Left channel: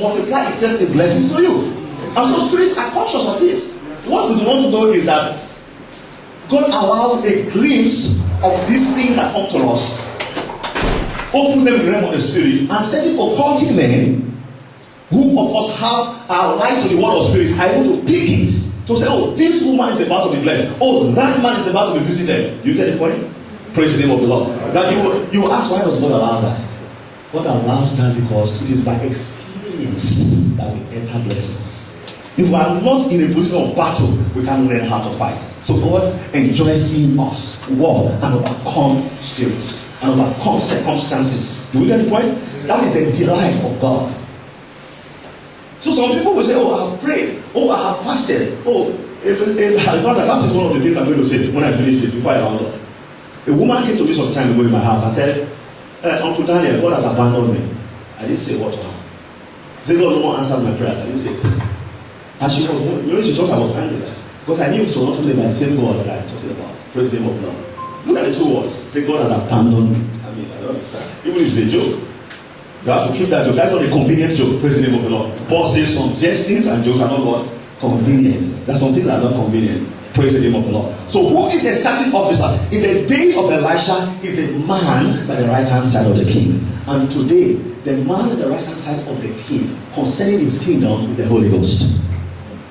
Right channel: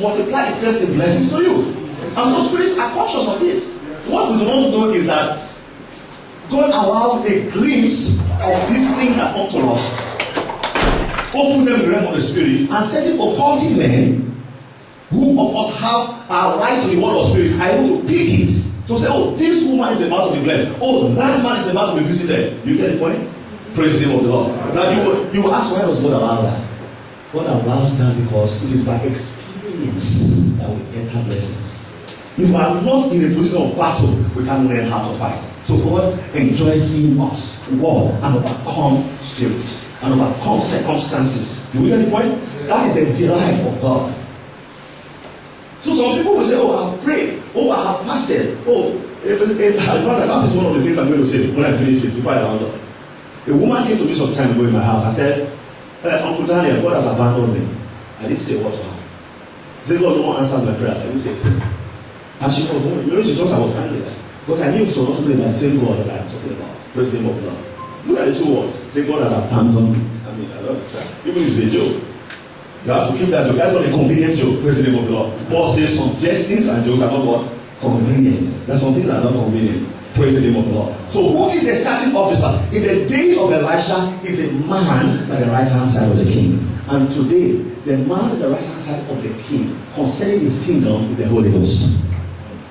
multiply itself in blessings to you. And so spirits are conscious of this. What we do not know is that God allows a glimpse of these things that come to us, opens them in the realm of the spirit, and certain occultic men who of us have our right to the world of spirits are able to pick it to say, oh, this woman is about to be blessed. Oh, that man is about to be visited. You get the point? Praise the name of the Lord. Now you ask, why does God allow that? God allows that because it is by experience that we enter blessings. If we are not in a position of battle, we can't learn how to fight. So God enjoys seeing us war and overcome spirits and overcome circumstances. Do we get the point? That is the delight of God. So some people will say, oh, I have prayed. Oh, I have fasted. Oh, that is one of the things I'm going to say when I finish this, before I round up. A woman came to me some time ago in my house. I said, Uncle Daniel, God has abandoned me. I didn't say what to her. She said, God no one answers my prayers. I didn't say it to her. And she was, she thought I was angry. Because I knew she was not talking about the same God that I'm talking about. Praise the name of God. Look at the two words. Say, God has abandoned me. I mean, I don't understand. Even if it's a joke, you have to keep that joke. That's not a convenient joke. Praise the name of the Lord. Paul says some jestings and jokes are not what? Convenient. There's some things that are not convenient. Praise the name of the Lord. So who is the certain officer? In the days of Elisha, is a man by the right hand side of the king. And today, the man at the right hand side of the king, concerning his kingdom, is the Holy Ghost.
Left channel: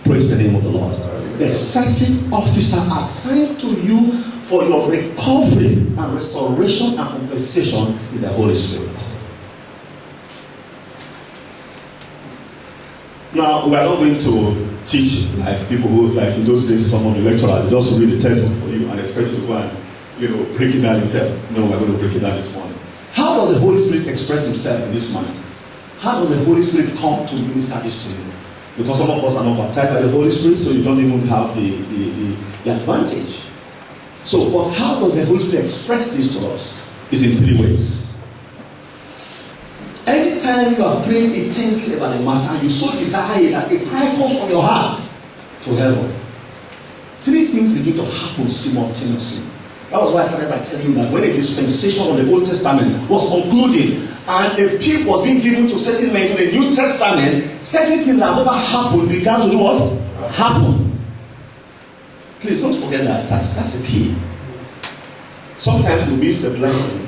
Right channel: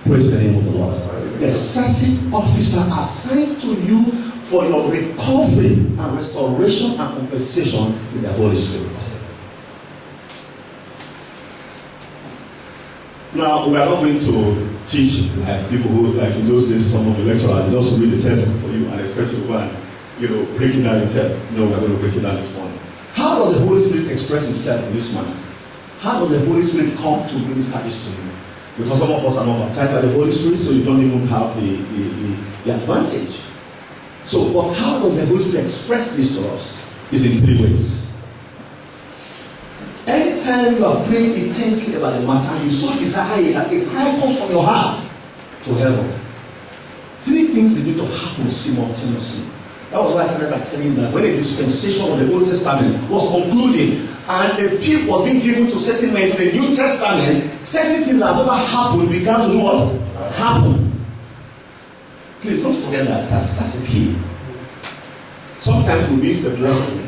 Praise the name of the Lord. The certain officer assigned to you for your recovery and restoration and compensation is the Holy Spirit. Now, we are not going to teach like people who, like in those days, some of the lecturers just read the textbook for you and expect you to go and, break it down yourself. No, we are going to break it down this morning. How does the Holy Spirit express himself in this manner? How does the Holy Spirit come to minister this to you? Because some of us are not baptized by the Holy Spirit, so you don't even have the advantage. So, but how does the Holy Spirit express this to us? Is in three ways. Anytime you are praying intensely about a matter and you so desire that a cry comes from your heart to heaven, three things begin to happen simultaneously. That was why I started by telling you that when a dispensation of the Old Testament was concluding and the people was being given to certain men to the New Testament, certain things that never happened began to do what? Happen. Please don't forget that. That's the key. Sometimes we miss the blessing.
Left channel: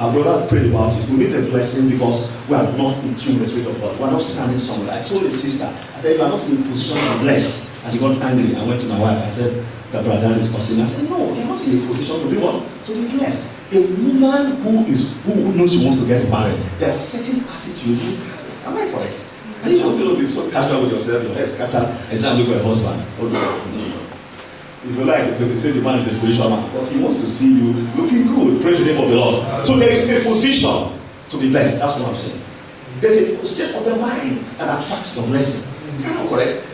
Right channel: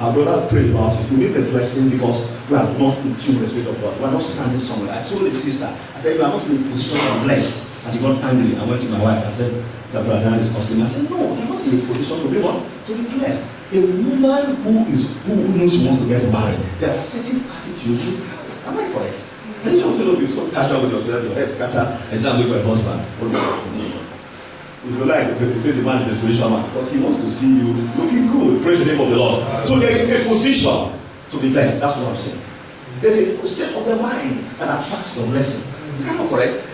Our brother prayed about it. We miss the blessing because we are not in tune with the Spirit of God. We are not standing somewhere. I told the sister, I said, you are not in a position of blessed. And she got angry. I went to my wife. I said, the brother is cursing me. I said, no, you are not in a position to be what? To be blessed. A woman who knows she wants to get married, there are certain attitudes. Am I correct? And you don't feel to be so casual with yourself, your head scatter, and say, I'm looking for a husband. If you like, they say the man is a spiritual man, but he wants to see you looking good. Praise the name of the Lord. So there is a position to be blessed. That's what I'm saying. There's a state of the mind that attracts your blessing. Is that not correct?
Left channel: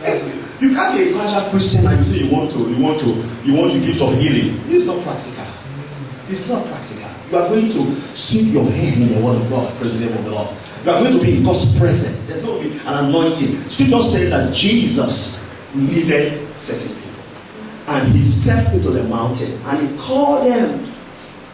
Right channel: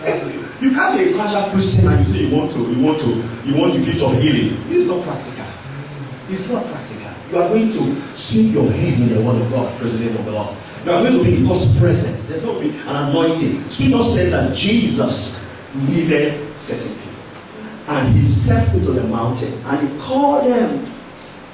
You can't be a casual Christian and you say you want the gift of healing. It's not practical. It's not practical. You are going to sink your head in the word of God. Praise the name of the Lord. You are going to be in God's presence. There's going to be an anointing. Scripture said that Jesus needed certain people. And he stepped into the mountain and he called them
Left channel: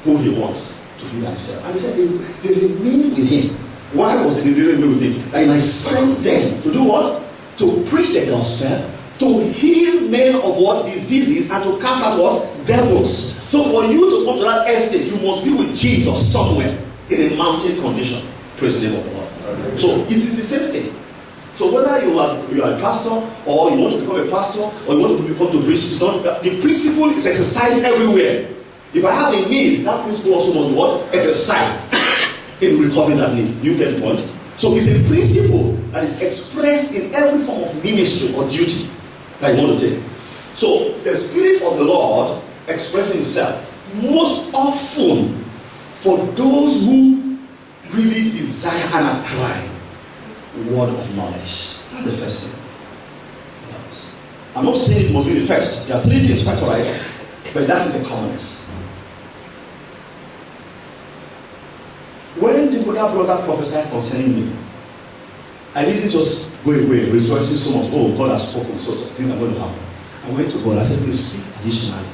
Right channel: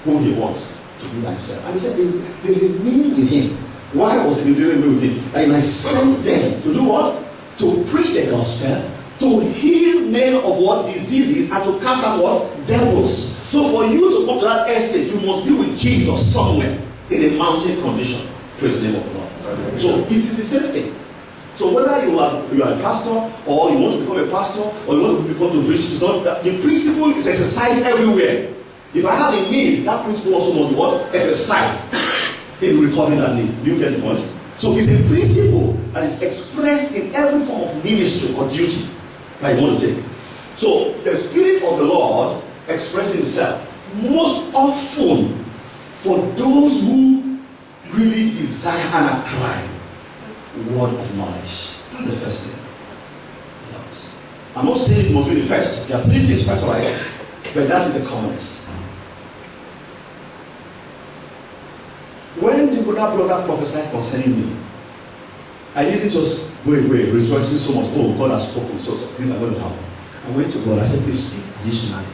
who he wants to be himself. And he said they remained with him. Why was it they remained with him? That he might send them to do what? To preach the gospel, to heal men of what? Diseases, and to cast out what? Devils. So for you to come to that estate, you must be with Jesus somewhere in a mountain condition. Praise the name of the Lord. So it is the same thing. So whether you are a pastor, or you want to become a pastor, or you want to become the rich, the principle is exercised everywhere. If I have a need, that principle also must be what? Exercised in recovering that need. You get the point? So it's a principle that is expressed in every form of ministry or duty that you want to take. So the Spirit of the Lord expresses himself most often for those who really desire and are crying word of knowledge. That's the first thing. I'm not saying it must be the first. There are three things, right? But that is the commonest. When the Buddha brother prophesied concerning me, I didn't just go away rejoicing so much. Oh, God has spoken, so things are going to happen. I went to God. I said, please speak additionally.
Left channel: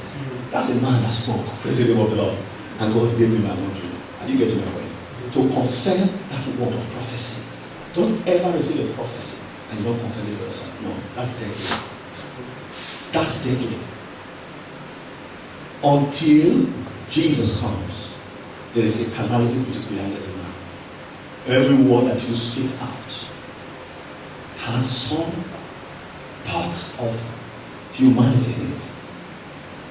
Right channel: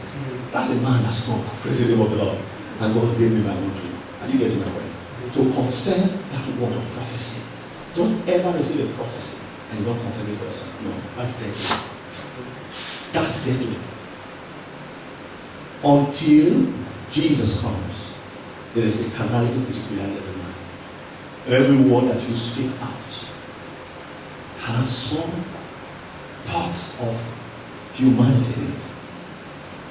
That's a man that spoke. Praise the name of the Lord. And God gave me my own dream. Are you getting my point? To confirm that word of prophecy. Don't ever receive a prophecy and you don't confirm it for yourself. No, that's deadly. That's deadly. Until Jesus comes, there is a carnality put behind every man. Every word that you speak out has some part of humanity in it.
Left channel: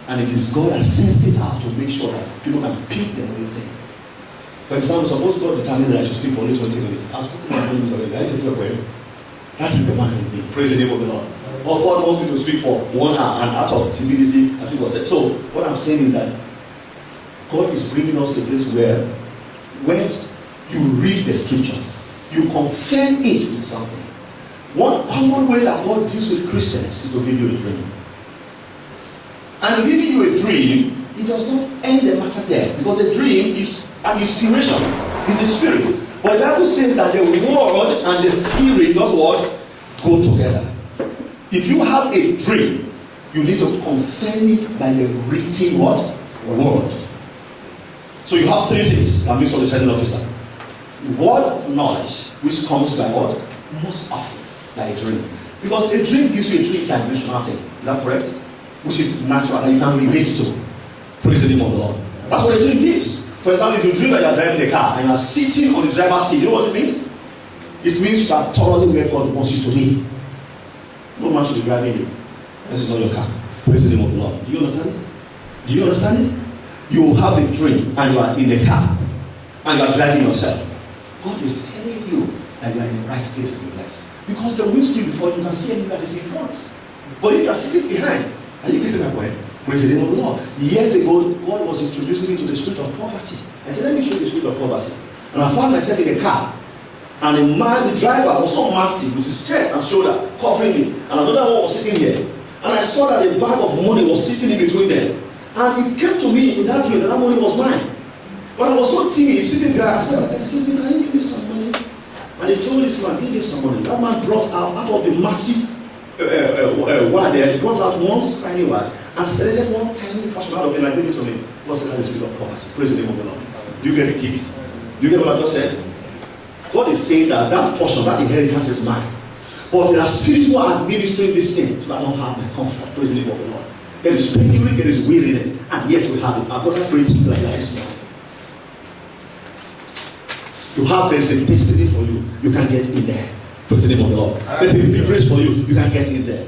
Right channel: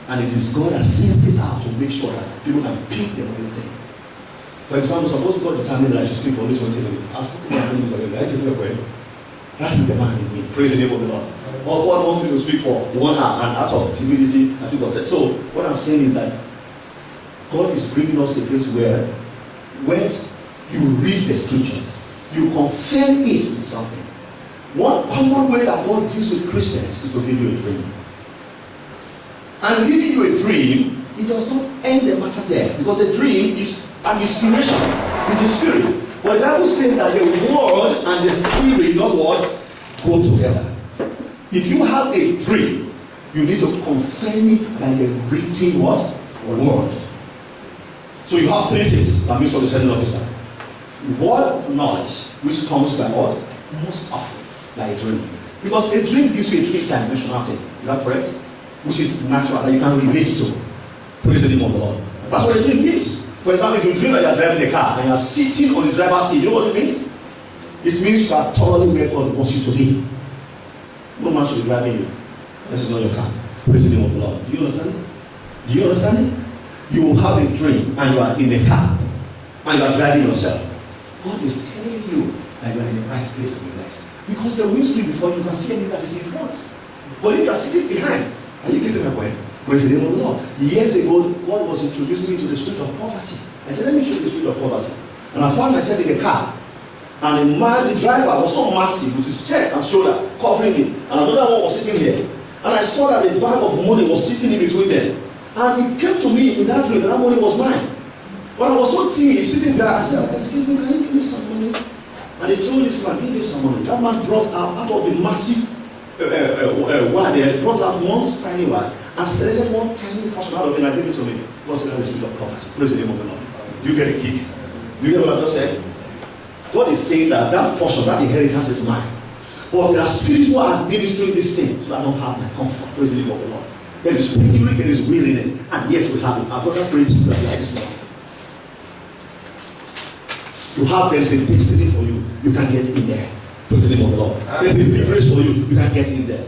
And it is God that sends it out to make sure that people can pick the real thing. For example, suppose God determined that I should speak for only 20 minutes. I've spoken for 20 minutes already. I get the point. That is the man in me. Praise the name of the Lord. Or God wants me to speak for 1 hour, and out of timidity, I speak for 10. So what I'm saying is that God is bringing us to a place where when you read the scriptures, you confirm it with something. One common way that God deals with Christians is to give you a dream. And giving you a dream, it does not end the matter there, because the dream is an inspiration, is the spirit. But the Bible says that the word and the spirit, not what, go together. If you have a dream, you need to confirm it by the written what? Word. So you have 3 things that makes up the sending officer. Word of knowledge, which comes by what? Most often by a dream. Because a dream gives you a 3-dimensional thing. Is that correct? Which is natural, that you can relate to. Praise the name of the Lord. That's what a dream gives. For example, if you dream that you are driving a car and you are sitting on the driver's seat, you know what it means? It means you are thoroughly where God wants you to be. No man should be driving you. This is not your car. Praise the name of the Lord. Do you understand? Do you understand it? You have a dream and you are in the car and you are driving yourself. God is telling you that you are in the right place to be blessed. Because the windscreen before you can see anything that is in front. But if you are sitting behind, are you getting my point? Praise the name of the Lord. Years ago, God was introducing me to the spirit of poverty. I said, let me show you the spirit of poverty. And I found myself in a car. And the man, the driver, was so massive with his chest and shoulder covering me. And another one was sitting here. And I saw that a bag of money was sitting in between them. And it came to me in that dream that money was mine. But I was so timid, sitting there. I said, excuse me, can you give me some money? And they told this man, give me some money. That man brought out of the massive wire there, brought out one tiny wire and selected one tiny portion out of it and gave it to me. What's the spirit of poverty? Praise the name of the Lord. Do you get a kick? Do you get what I just said? God is saying that that portion, that inheritance is mine. But there are spirits who are administering this thing, so I don't have my comfort. Praise the name of the Lord. There is penury, there is weariness, and yet we have it. Our brother prays like this morning. There is a destiny for you. You can get in there. Praise the name of the Lord. There's a liberation for you. You can get in there.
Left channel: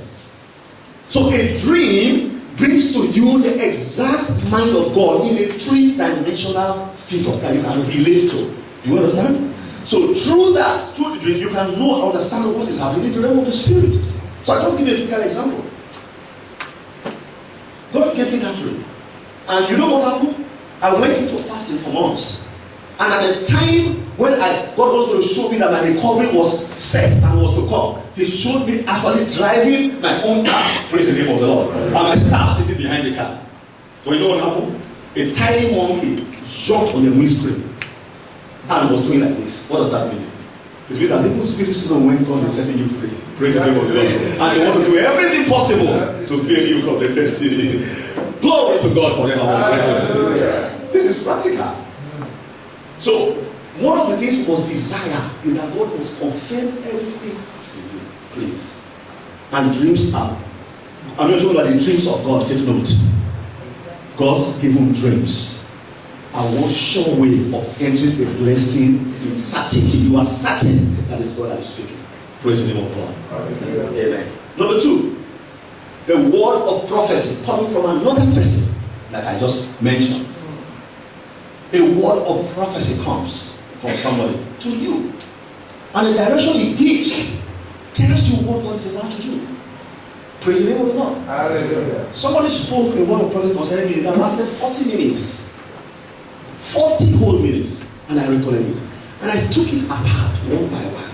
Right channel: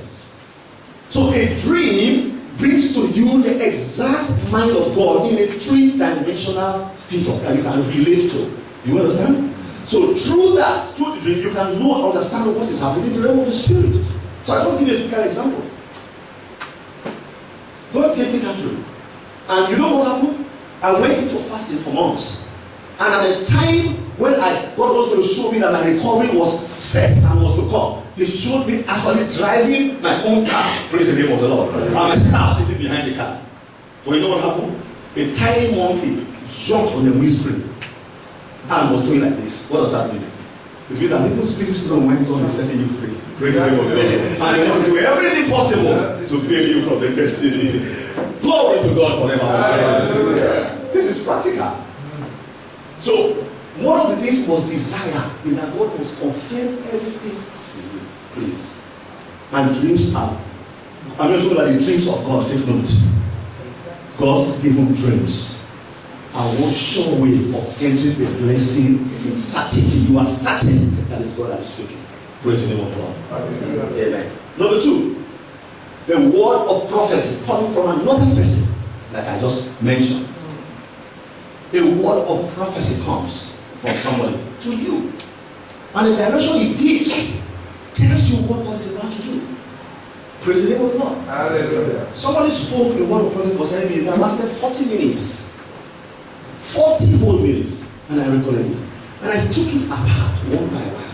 So a dream brings to you the exact mind of God in a 3-dimensional figure that you can relate to. Do you understand? So through that, through the dream, you can know and understand what is happening in the realm of the spirit. So I just give you a typical example. God gave me that dream. And you know what happened? I went into fasting for months. And at the time when God was going to show me that my recovery was set and was to come, He showed me actually driving my own car. Praise the name of the Lord. And my staff sitting behind the car. But you know what happened? A tiny monkey jumped on the windscreen and was doing like this. What does that mean? It means that little spirits went on and setting you free. Praise the name of the Lord. And they want to do everything possible to build you from the destiny. Glory to God forever. This is practical. So, one of the things was desire is that God must confirm everything to you. Please. And dreams are. I'm not talking about the dreams of God. Take note. God's given dreams are one sure way of entering the blessing in certainty. You are certain that it's God that is speaking. Praise the name of the Lord. Amen. Number 2, the word of prophecy coming from another person, like I just mentioned. A word of prophecy comes from somebody to you. And the direction he gives tells you what God is about to do. Praise the name of the Lord. Hallelujah. Somebody spoke a word of prophecy concerning me that lasted 40 minutes. 40 whole minutes. And I recorded it. And I took it apart one by one.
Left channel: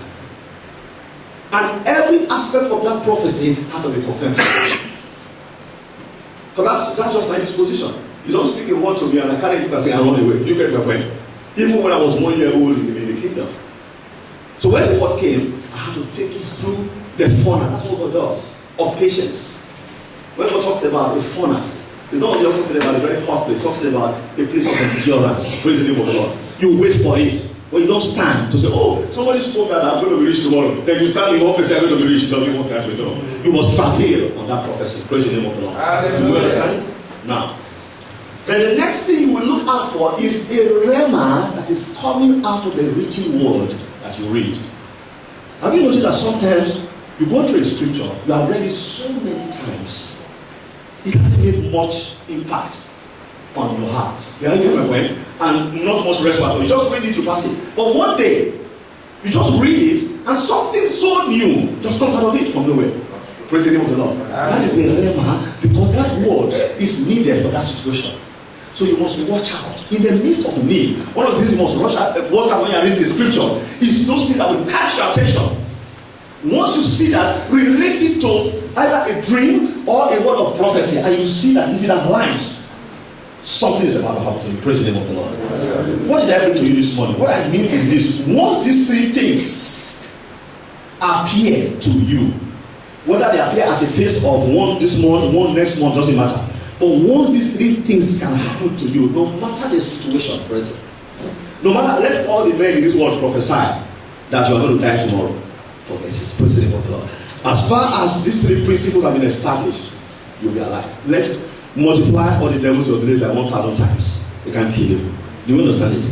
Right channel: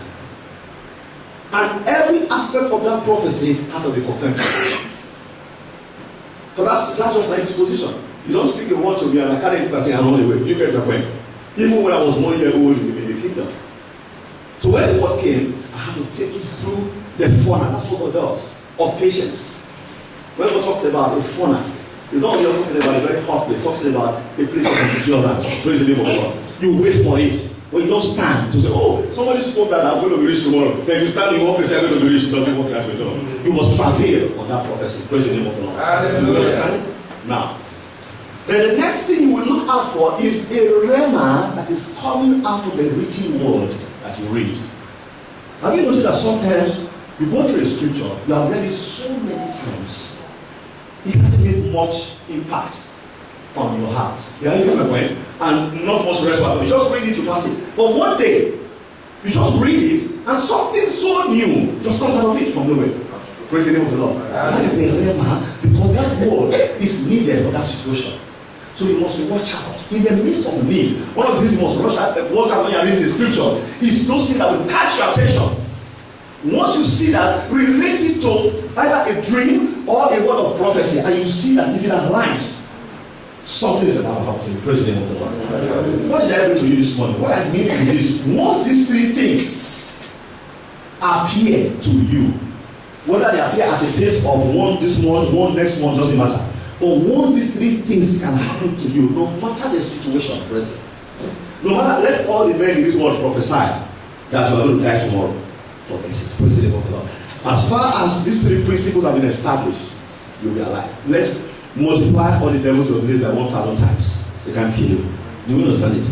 And every aspect of that prophecy had to be confirmed. But that's just my disposition. You don't speak a word to me and I carry it and say, I'm on the way. You get my point? Even when I was 1 year old in the kingdom. So when the word came, I had to take it through the furnace. That's what God does. Of patience. When God talks about the furnace, it's not only talking about a very hot place. It talks about a place of endurance. Praise the name of the Lord. You wait for it. When you don't stand to say, oh, somebody spoke that I'm going to be rich tomorrow. Then you stand in one place and I'm going to be rich. It doesn't work that way. No. You must travail on that prophecy. Praise the name of the Lord. Do you understand? Now, then the next thing you will look out for is a rhema that is coming out of the written word that you read. Have you noticed that sometimes you go through a scripture, you have read it so many times, it hasn't made much impact on your heart. You understand my point? And not much response. You just read it, you pass it. But one day, you just read it, and something so new just comes out of it from nowhere. Praise the name of the Lord. That is the rhema, because that word is needed for that situation. So you must watch out. In the midst of need, one of the things you must watch out when you are reading the scripture is those things that will catch your attention. Once you see that related to either a dream or a word of prophecy, and you see that if it aligns, something is about to happen to you. Praise the name of the Lord. What did I bring to you this morning? What I mean is this: once these three things appear to you, whether they appear at the pace of one this month, one next month, doesn't matter. But once these three things can happen to you, no matter the situation, brethren, no matter, let all the men in this world prophesy that you are going to die tomorrow. Forget it. Praise the name of the Lord. As far as these three principles have been established, you'll be alive. Let's multiply all the devils you have believed by 1,000 times. They can't kill you. Do you understand it?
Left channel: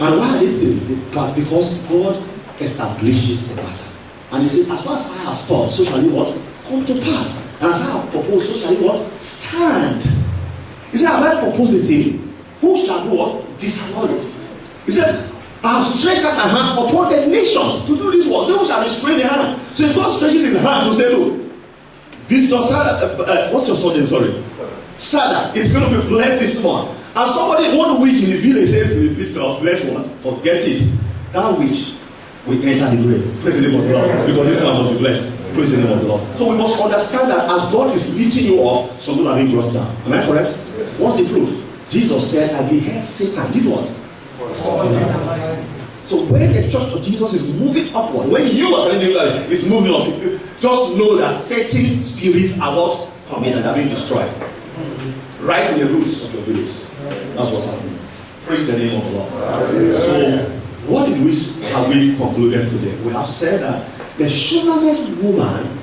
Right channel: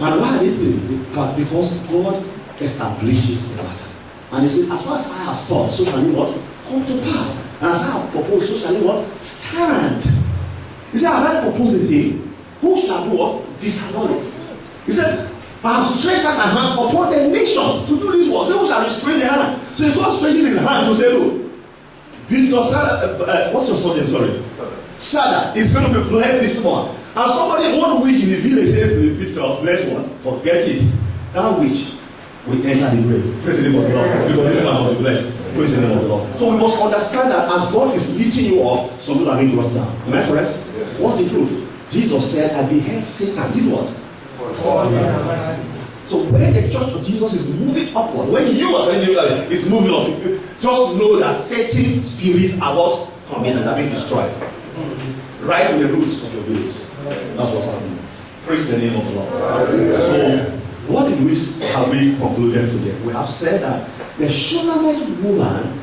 And why are they doing it? Because God establishes the matter. And he says, as far as I have thought, so shall it what? Come to pass. And as I have proposed, so shall it what? Stand. He said, have I proposed a thing? Who shall do what? Disannul it. He said, I have stretched out my hand upon the nations to do this work. So who shall restrain the hand? So if God stretches his hand to say, look, Victor Sada, what's your son name? Sorry. Sada is going to be blessed this month. And somebody, one witch in the village says to Victor, bless one. Forget it. That witch will enter the grave. Praise the name of the Lord. Because this man will be blessed. Praise the name of the Lord. So we must understand that as God is lifting you up, some people are being brought down. Am I correct? Yes. What's the proof? Jesus said, I beheld Satan. Did what? So when the church of Jesus is moving upward, when you are saying that it's moving up, just know that certain spirits are what coming and are being destroyed. Right in the roots of your village. That's what's happening. Praise the name of the Lord. So what did have we concluded today? We have said that the Shunammite woman,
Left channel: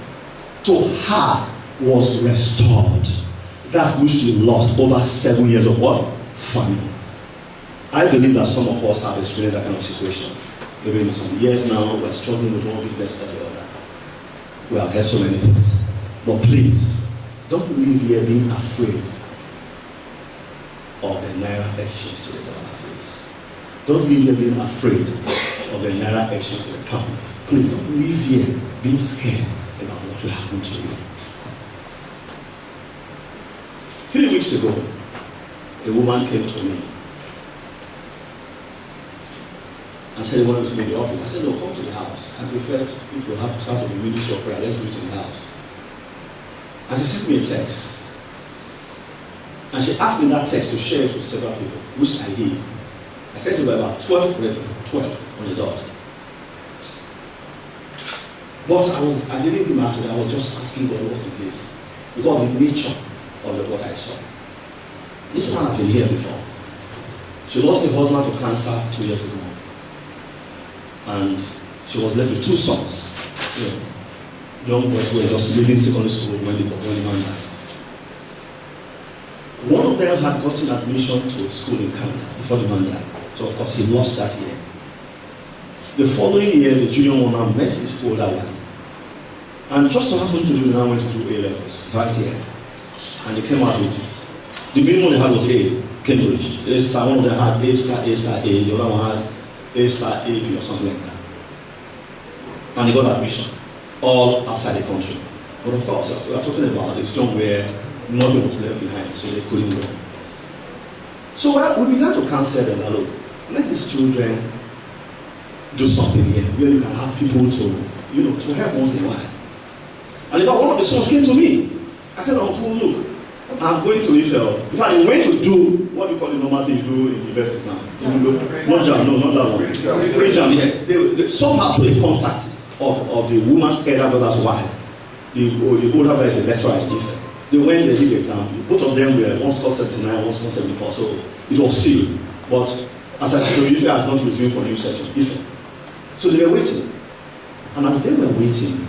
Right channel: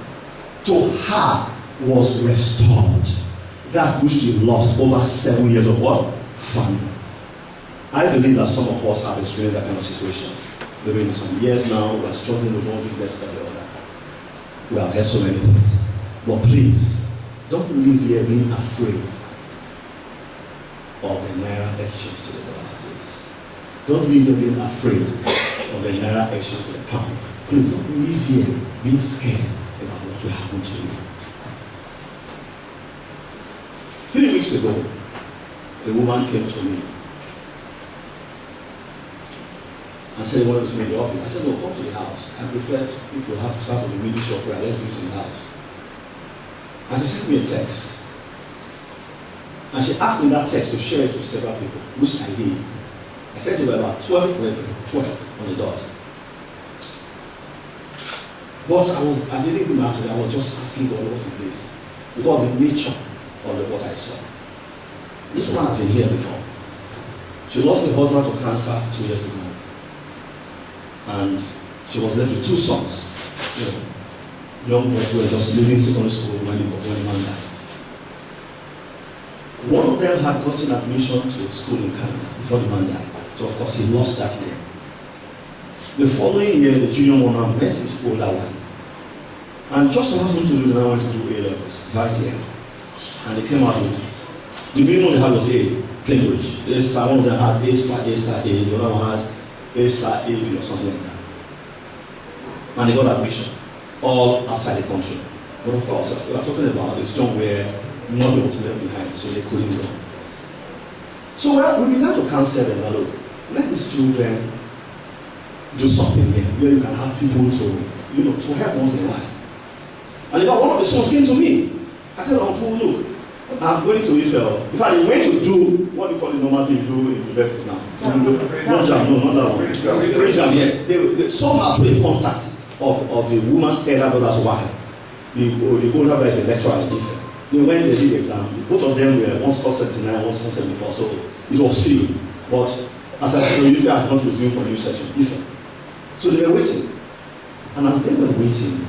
to her was restored that which she lost over 7 years of what? Famine. I believe that some of us have experienced that kind of situation. Maybe in some years now, we are struggling with one business or the other. We have heard so many things. But please, don't leave here being afraid of the Naira exchange to the dollar, please. Don't leave here being afraid of the Naira exchange to the pound. Please don't leave here being scared about what will happen to you. 3 weeks ago, a woman came to me and said, "What was in the office?" I said, "No, come to the house. I prefer if you have to start with the ministry of prayer, let's do it in the house." And she sent me a text. And she asked me that text to share it with several people, which I did. I sent to about 12 brethren, 12 on the dot. But I didn't give out to it. I was just asking God, what is this? Because of the nature of what I saw. This one has been here before. She lost her husband to cancer 2 years ago. And she was left with 2 sons. Young boys who were just leaving secondary school when the man died. One of them had gotten admission to school in Canada before the man died. So of course he lost that year. The following year, the junior one now met his older one. And just so happened to do, they now went to do A levels right here. And they came out with the minimum they had was A, Cambridge. One of them had A star, A, the other one had A star, A, B or something like that. And they got admission, all outside the country. But of course, we are talking about a situation where nothing was left behind, so they couldn't go. So we began to counsel them, look, let these children do something here where you can have people to help once in a while. And in fact, one of the sons came to me. I said, "Uncle, look, I'm going to Israel." In fact, he went to do what you call the normal thing you do in universities now. Not jam, no, not that one. Pre-jam, yes. They somehow through a contact of the woman's elder brother's wife. The older brother is a lecturer in Israel. They went, they did the exam. Both of them were, one scored 79, one scored 74, so it was sealed. But As I said, Ife has not resumed for a new session. Ife. So they were waiting. And as they were waiting,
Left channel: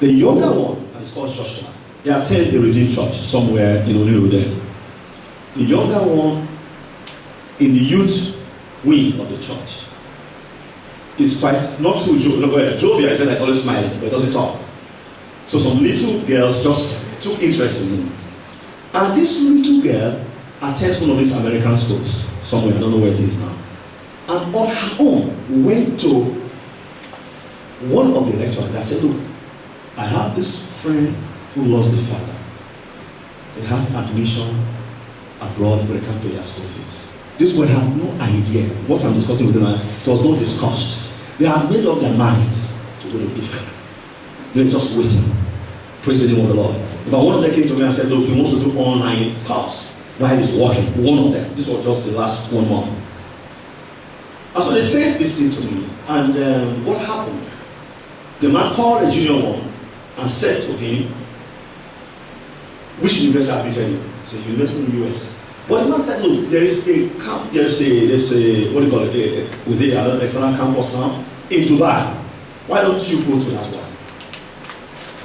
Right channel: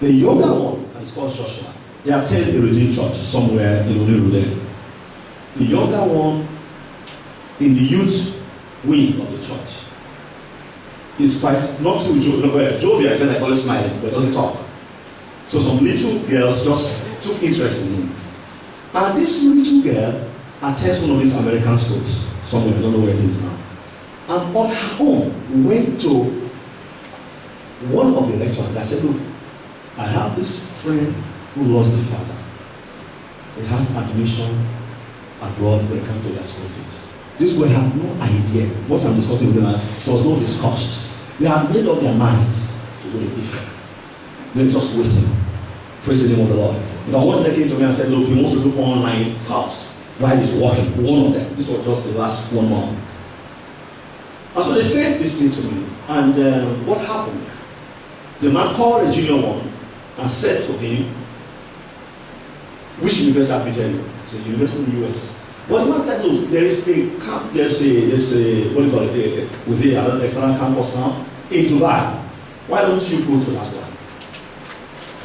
the younger one, and it's called Joshua, they attend a Redeemed Church somewhere in Oniru there. The younger one in the youth wing of the church is quite not too jovial. Jovial, I said, it's always smiling, but doesn't talk. So some little girls just took interest in him. And this little girl attends one of these American schools somewhere, I don't know where it is now. And on her own went to one of the lecturers that said, look, I have this friend who lost the father. He has admission abroad when it comes to their school fees. This boy had no idea what I'm discussing with them. It was not discussed. They had made up their mind to go to Ife. They were just waiting. Praise the name of the Lord. But one of them came to me and said, look, he wants to do online course while he's working. One of them. This was just the last 1 month. And so they said this thing to me. And what happened? The man called the junior one and said to him, which university have you tell you? It's a university in the US. But the man said, look, there is a camp, there's a what do you call it, an external campus now in Dubai. Why don't you go to that one?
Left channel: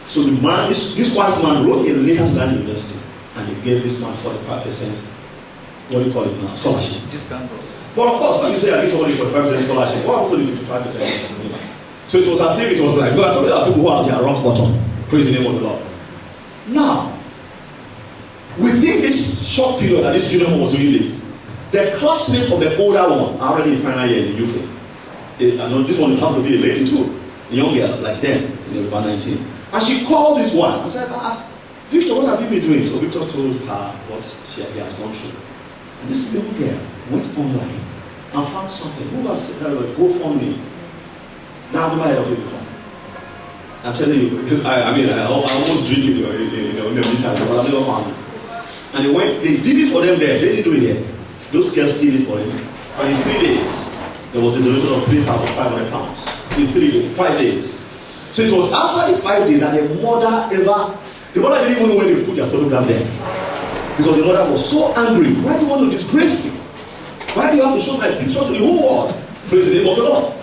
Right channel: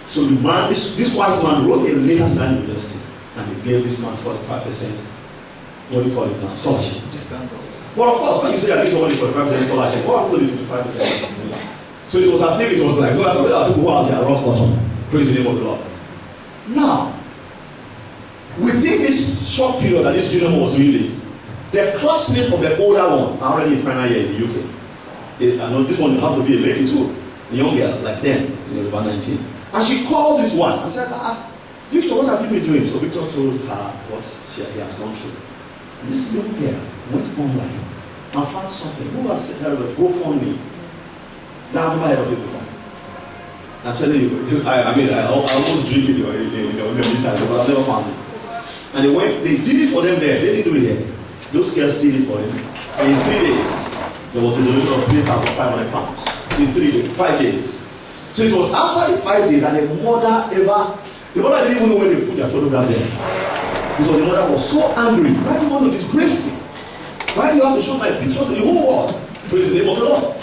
So the man, this white man wrote a letter to that university and they gave this man 45%, what do you call it now, scholarship. But of course, when you say I give somebody 45% scholarship, what happens if 55%? So it was as if it was like, well, there are people who are at rock bottom. Praise the name of the Lord. Now, within this short period that this student was doing this, the classmate of the older one are already in final year in the UK. I know this one happened to be a lady too, a young girl, like them, about 19. And she called this one and said, Victor, what have you been doing? So Victor told her what he has gone through. And this young girl went online and found something. Who has said that? GoFundMe. Now I've never heard of it before. I'm telling you, I almost drink it in the meantime, but I've never found it. And they did it for them there. They didn't do it here. Those girls did it for them. And in 3 days, there was a donation of £3,500. In 3 days, 5 days. So it was after the 5 days that the mother didn't even know when they put their photograph there. Because the mother was so angry. Why do you want to disgrace me? Why do you have to show my picture to the whole world? Praise the name of the Lord.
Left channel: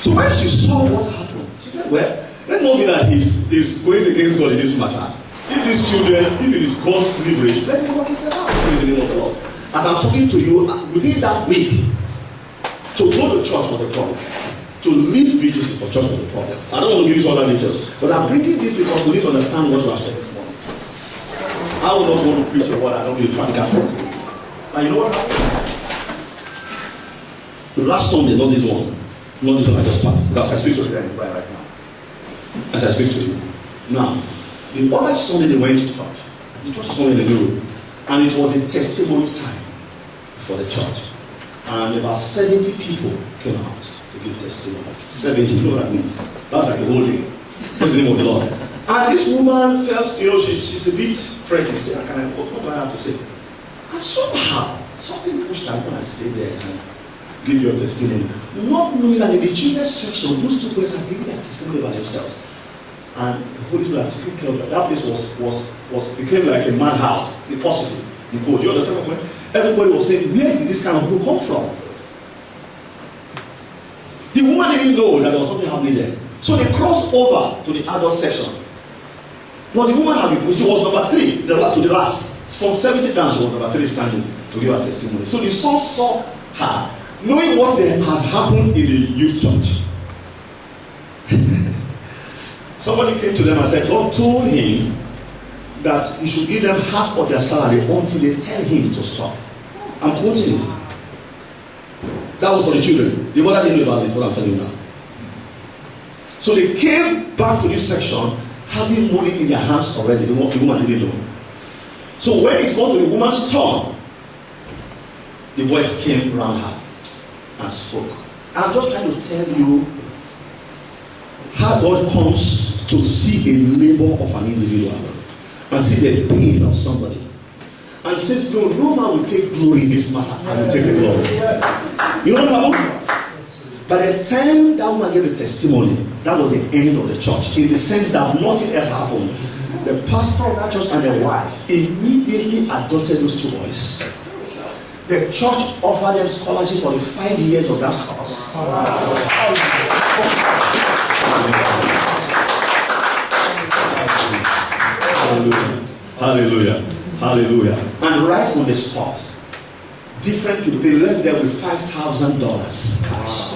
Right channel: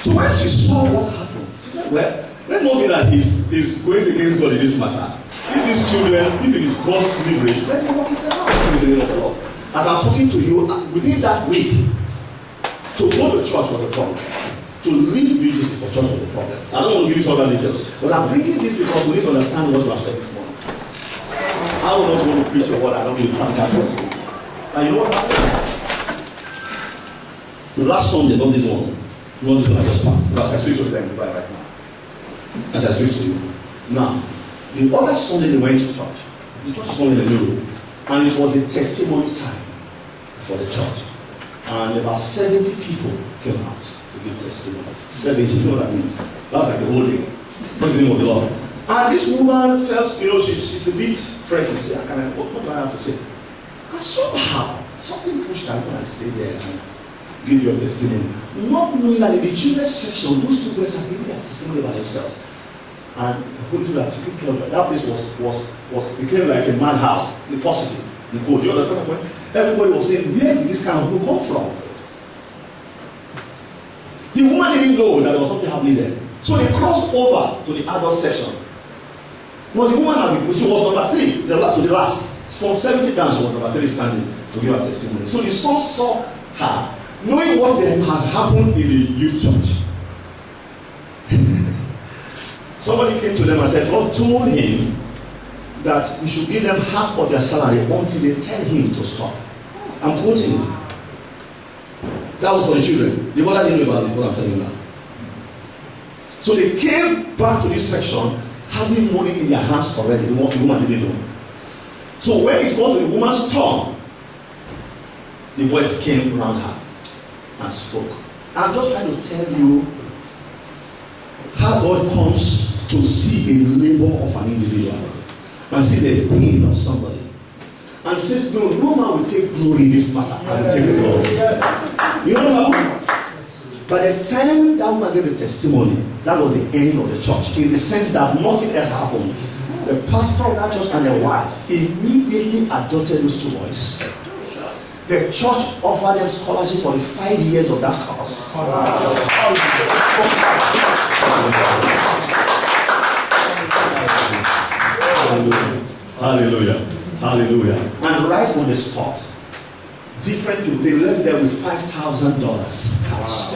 So when she saw what happened, she said, well, let not be that he's going against God in this matter. If these children, if it is God's liberation, let him walk his house. Praise the name of the Lord. As I'm talking to you, within that week, to go to church was a problem. To leave VGC for church was a problem. I don't want to give you all the details, but I'm bringing this because we need to understand what you have said this morning. I would not want to preach a word I don't need practical to it. And you know what happened? The last Sunday, not this one. Not this one I just passed. Because I speak to them right now. As I speak to you. Now, the other Sunday they went to church. The church is only in the middle. And it was a testimony time for the church. And about 70 people came out to give testimony. 70, you know what that means? That's like the whole day. Praise the name of the Lord. And this woman felt, she's a bit fretty. She said, what do I have to say? And somehow, something pushed her when I stayed there and give your testimony. Not knowing that in the children's section, those two boys are giving their testimony by themselves. And the Holy Spirit have taken care of that. That place became like a madhouse, the positive, the good. Do you understand what I'm saying? Everybody was saying, where did this kind of book come from? The woman didn't know that there was something happening there. So they crossed over to the adult section. But the woman she was number 3, the last. From 70 down, she was number 3 standing to give her testimony. So the son saw her, knowing what has happened in the youth church. Somebody came to them and said, God told him that he should give them half of their salary until they tell him to stop. I'm quoting it. That was for the children. The mother didn't know about this, what I'm telling you now. So they came back to this section having money in their hands already. The woman didn't know. So when it got to the woman's turn, the boys came around her and spoke. I'm just trying to tell you how God comes to see a labor of an individual and see the pain of somebody. And says, no man will take glory in this matter. I will take the glory. Yes. You know what happened? By the time that woman gave a testimony, that was the end of the church. In the sense that nothing else happened. The pastor of that church and the wife immediately adopted those two boys. The church offered them scholarship for the 5 years of that course. Hallelujah. Hallelujah. And right on the spot, different people, they left there with $5,000 cash.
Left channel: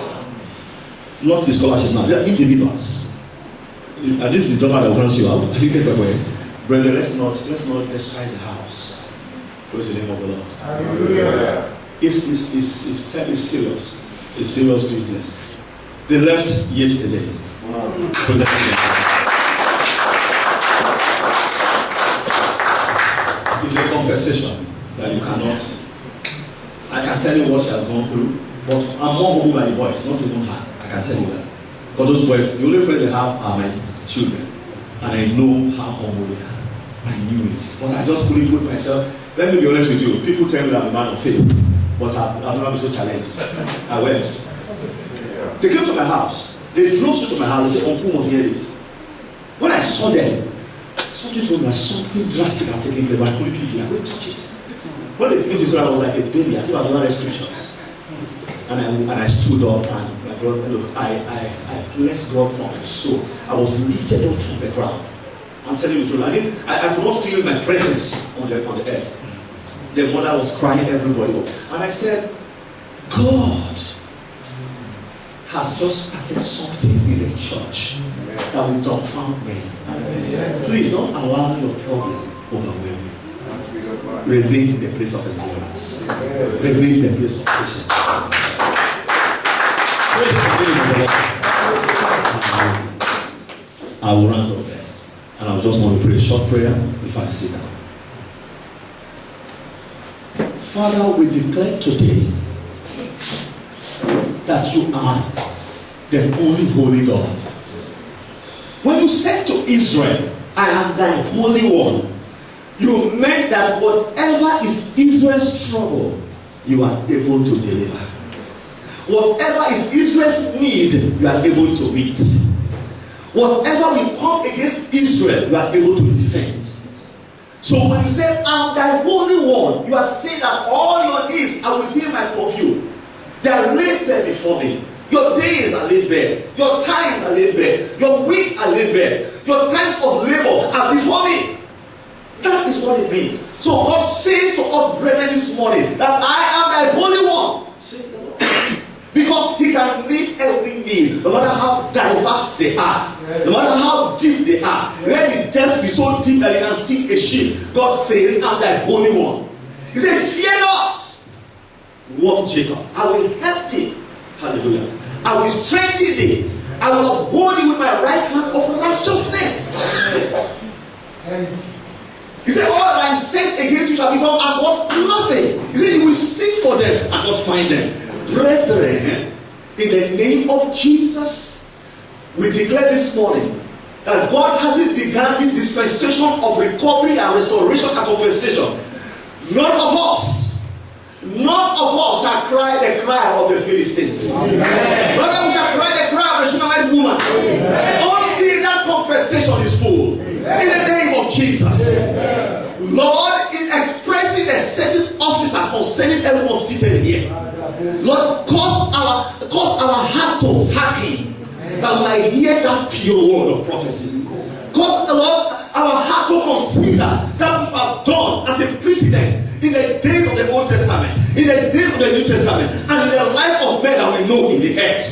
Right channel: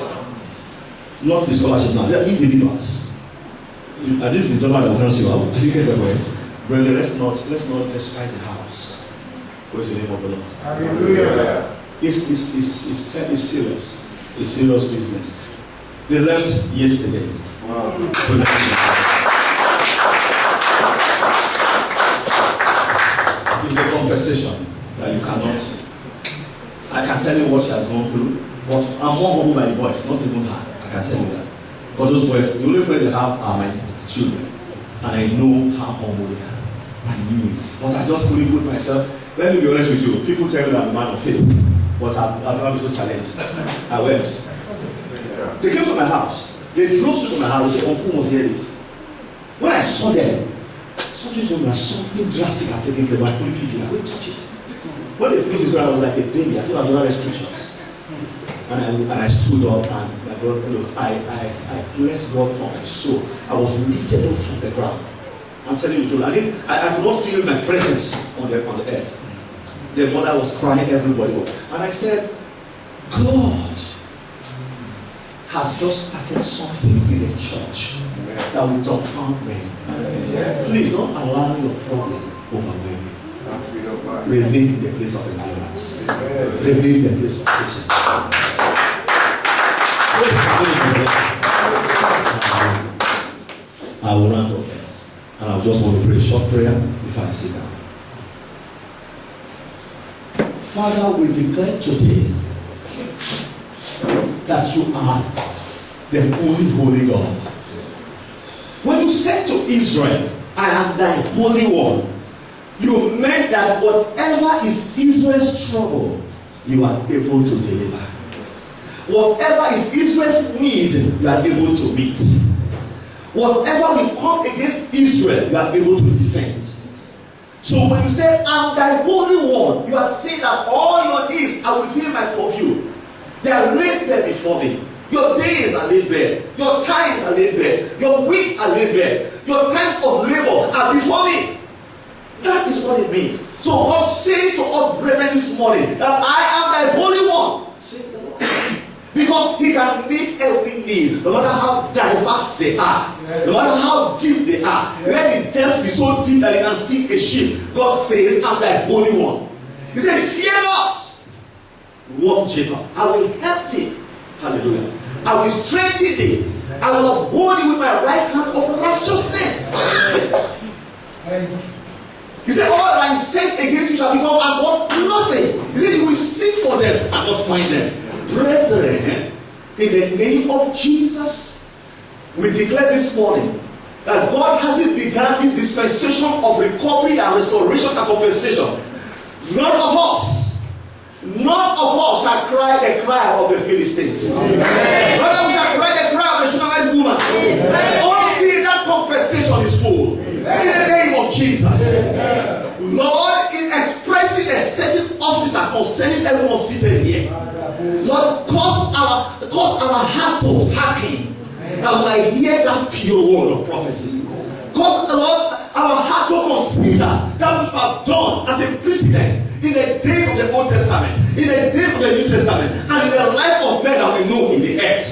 Not the scholarship now, they are individuals. And this is the donor that wants you out. You get away. Brother, let's not despise the house. Praise the name of the Lord. Hallelujah. It's serious. It's serious business. They left yesterday. Wow. It's a compensation that you cannot. I can tell you what she has gone through, but I'm more humbled by the boys, not even her. I can tell you that. But those boys, the only friend they have are my children. And I know how humble they are. I knew it. But I just couldn't put myself. Let me be honest with you. People tell me that I'm a man of faith. But I've never been so challenged. I went. They came to my house. They drove straight to my house. They said, Uncle must hear this. When I saw them, somebody told me that something drastic has taken place. But I couldn't pick it. I couldn't touch it. When they finished this, I was like a baby. I said, I have no restrictions. And I stood up and my brother, look, I blessed God from my soul. I was lifted up from the ground. I'm telling you the truth. I could not feel my presence on the earth. The mother was crying, everybody was. And I said, God has just started something in the church that will dumbfound men. Please don't allow your problem overwhelm you. Remain in the place of endurance. Remain in the place of patience. I will round up there. And I just want to pray a short prayer before I sit down. Father, we declare today that you are the only holy God. When you said to Israel, I am thy holy one, you meant that whatever is Israel's trouble, you are able to deliver. Whatever is Israel's need, you are able to meet. Whatever will come against Israel, you are able to defend. So when you say, I'm thy holy one, you are saying that all your needs are within my purview. They are laid bare before me. Your days are laid bare. Your times are laid bare. Your weeks are laid bare. Your times of labor are before me. That is what it means. So God says to us, brethren, this morning, that I am thy holy one. Say the Lord. Because he can meet every need, no matter how diverse they are, no matter how deep they are. When the depth is so deep that they can sink a ship, God says, I'm thy holy one. He said, fear not, walk Jacob. I will help thee. Hallelujah. I will strengthen thee. I will uphold you with my right hand of righteousness. He said, all that I incensed against you shall become as what? Nothing. He said, you will seek for them and not find them. Brethren, in the name of Jesus, we declare this morning that God hasn't begun this dispensation of recovery and restoration and compensation. None of us shall cry the cry of the Philistines. None of us shall cry the cry of the Shunammite woman. Until that compensation is full. In the name of Jesus. Lord, in expressing a certain officer concerning everyone seated here, Lord, cause our heart to hearken that we might hear that pure word of prophecy. Cause, Lord, our heart to consider that which we have done as a precedent in the days of the Old Testament, in the days of the New Testament, and in the life of men that we know in the earth.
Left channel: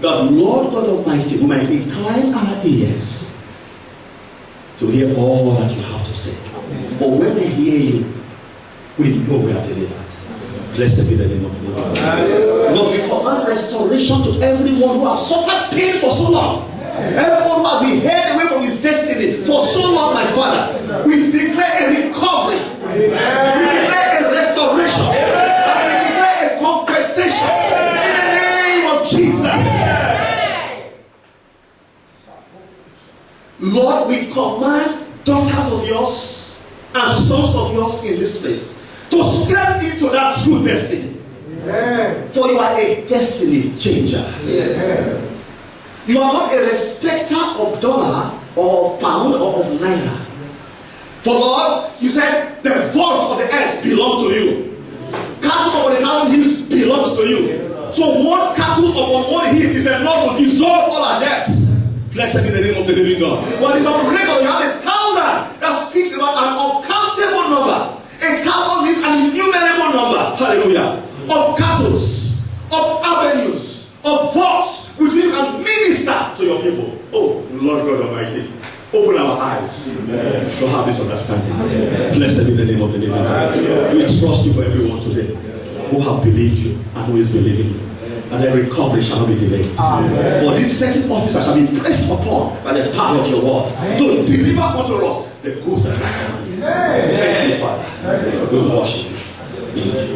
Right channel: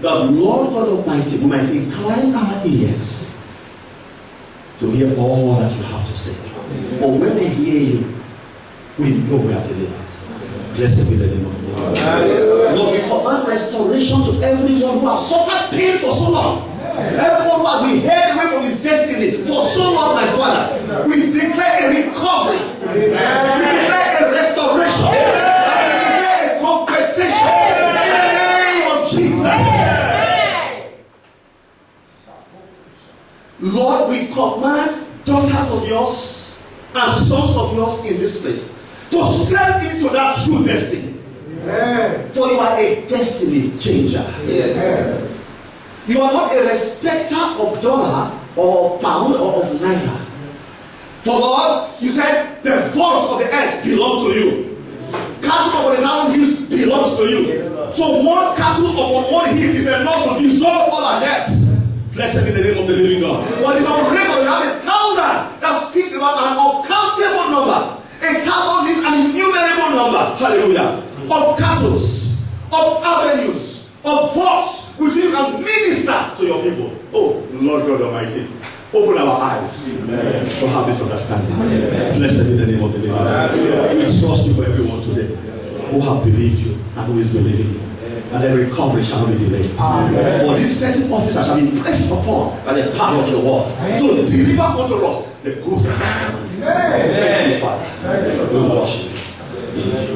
That Lord God Almighty, we might incline our ears to hear all that you have to say. But when we hear you, we know we are delivered. Blessed be the name of the Lord. Lord, we command restoration to everyone who has suffered pain for so long. Everyone who has been held away from his destiny for so long, my Father. We declare a recovery. We declare a restoration. And we declare a compensation. In the name of Jesus. Lord, we command daughters of yours and sons of yours in this place to step into that true destiny. Amen. For you are a destiny changer. Yes. You are not a respecter of dollar or of pound or of naira. For Lord, you said the voice of the earth belongs to you. cattle upon 1,000 hills belongs to you. So one cattle upon one hill is enough to dissolve all our debts. Blessed be the name of the living God. Well, it's on record. You have 1,000 that speaks about an uncountable number. 1,000 is an innumerable number. Hallelujah. Of cattle, of avenues, of voice with which you can minister to your people. Oh, Lord God Almighty, open our eyes to have this understanding. Blessed be the name of the living God. We trust you for everyone today who have believed you and who is believing you. And their recovery shall not be delayed. For this certain officer shall be pressed upon by the power of your word to deliver unto us the goods of the kingdom. Thank you, Father. We worship you.